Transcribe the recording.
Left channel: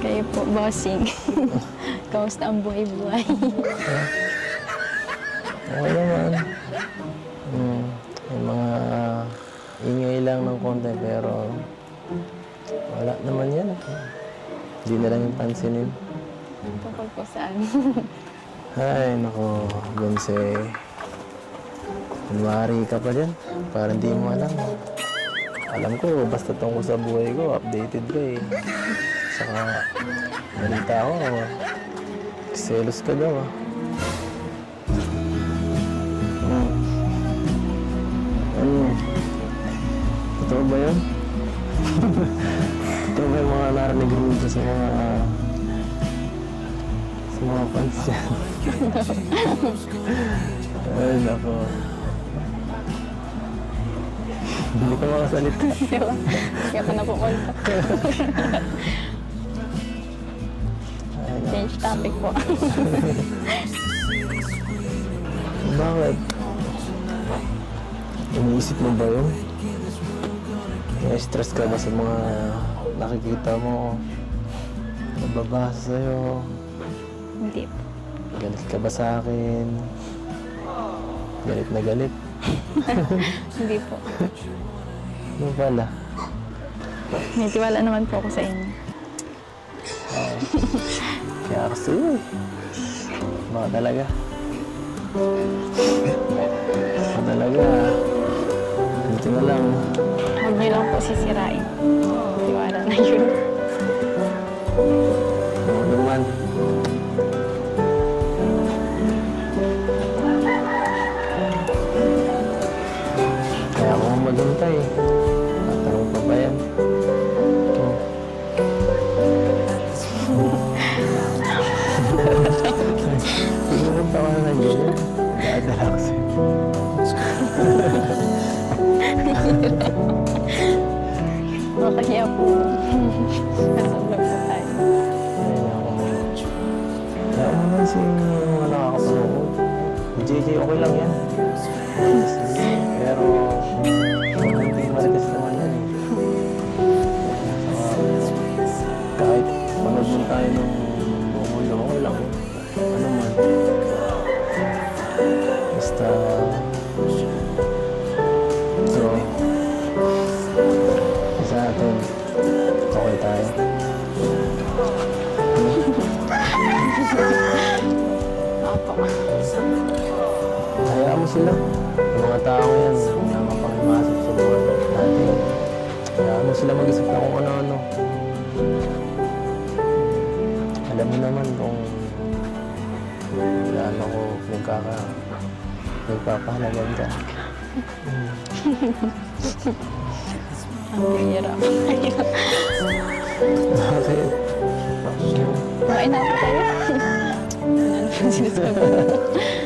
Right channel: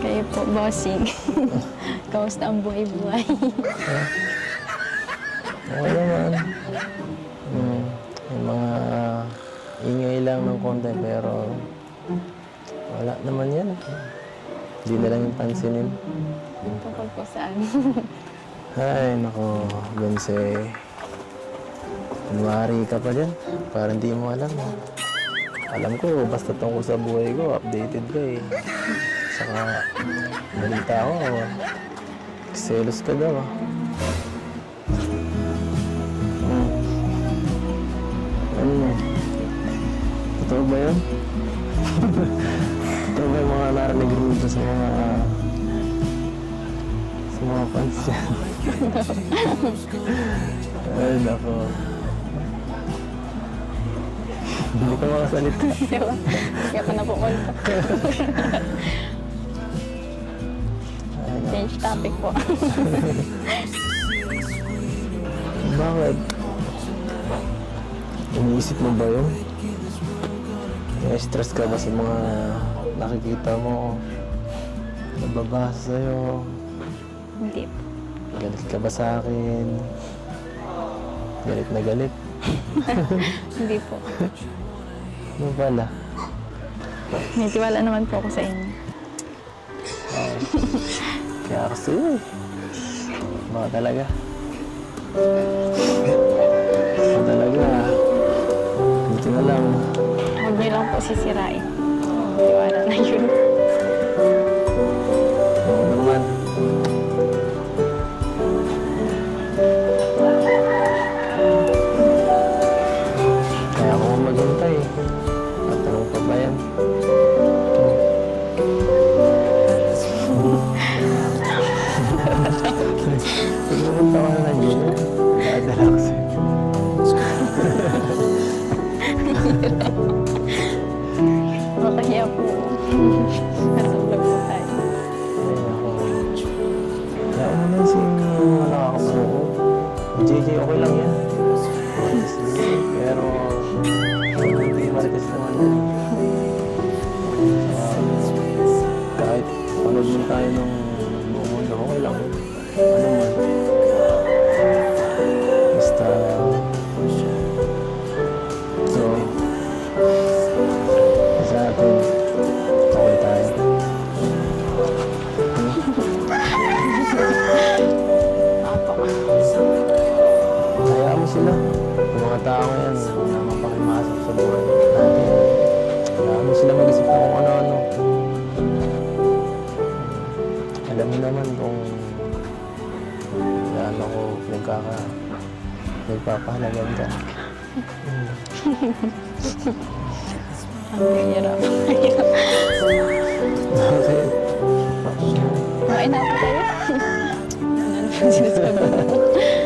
Kayo po, bossing. Kamusta ang buhay-buhay? Okay naman. May mga ingay lang ng konti pero wala naman yan. Hindi na lang yung pansinin. Tungkol po saan? Ay, nako, Bense. Kunwari ka pa dyan. Parang di mo alam. Alam ko, basta tungkol sa buhay ko, updated ka eh. Saka, balita ko, selos ka daw ah. Totoo ba yun? Totoo ba yung mga narinig rito sa mga fans yan? Ay, nako. Hindi ka makasalita. Kaya pa na po konta. Change topic po. Bakit? Iniisip mo ba yun? Na-stress ka ba sa mga nakikita mo? Nababasa sa'yo? Hindi po. Galit ka ba sa akin? Galit na galit? Hindi po. Ano pala? May tiwala naman po ako sa inyo. Kaya kasi baka talaga. Baka talaga. Buti na lang. Huwag niyo lang po sisirain. Tiwala na yun. Oo naman. Kaya ako maghintay. Tatanong pa ba yan? Pumunta ka na lang ganyan. Dadala ko sa'yo. Makakaya po. Nasa vlog po tayo. Ay, ako. Kaya ako naman si mga nakakapanood. JJ, okay lang yan. Pero, hindi marites naman yan eh. Saka, kahit panood mo tayo ng buong mundo, okay lang yun. Ano man. Basta, so, sa atin, okay tayo. Opo. Hayaan mo sila. Yung mga tao yan na mapakimasok sa buhay natin. Hayaan mo sila mag-isip na kung ano-ano. Alam mo naman kung gaano ko nagpapahalagan ka. Ang bihira po kayo. Bakit? Kumain na po kayo. Ano po sinasabi mo?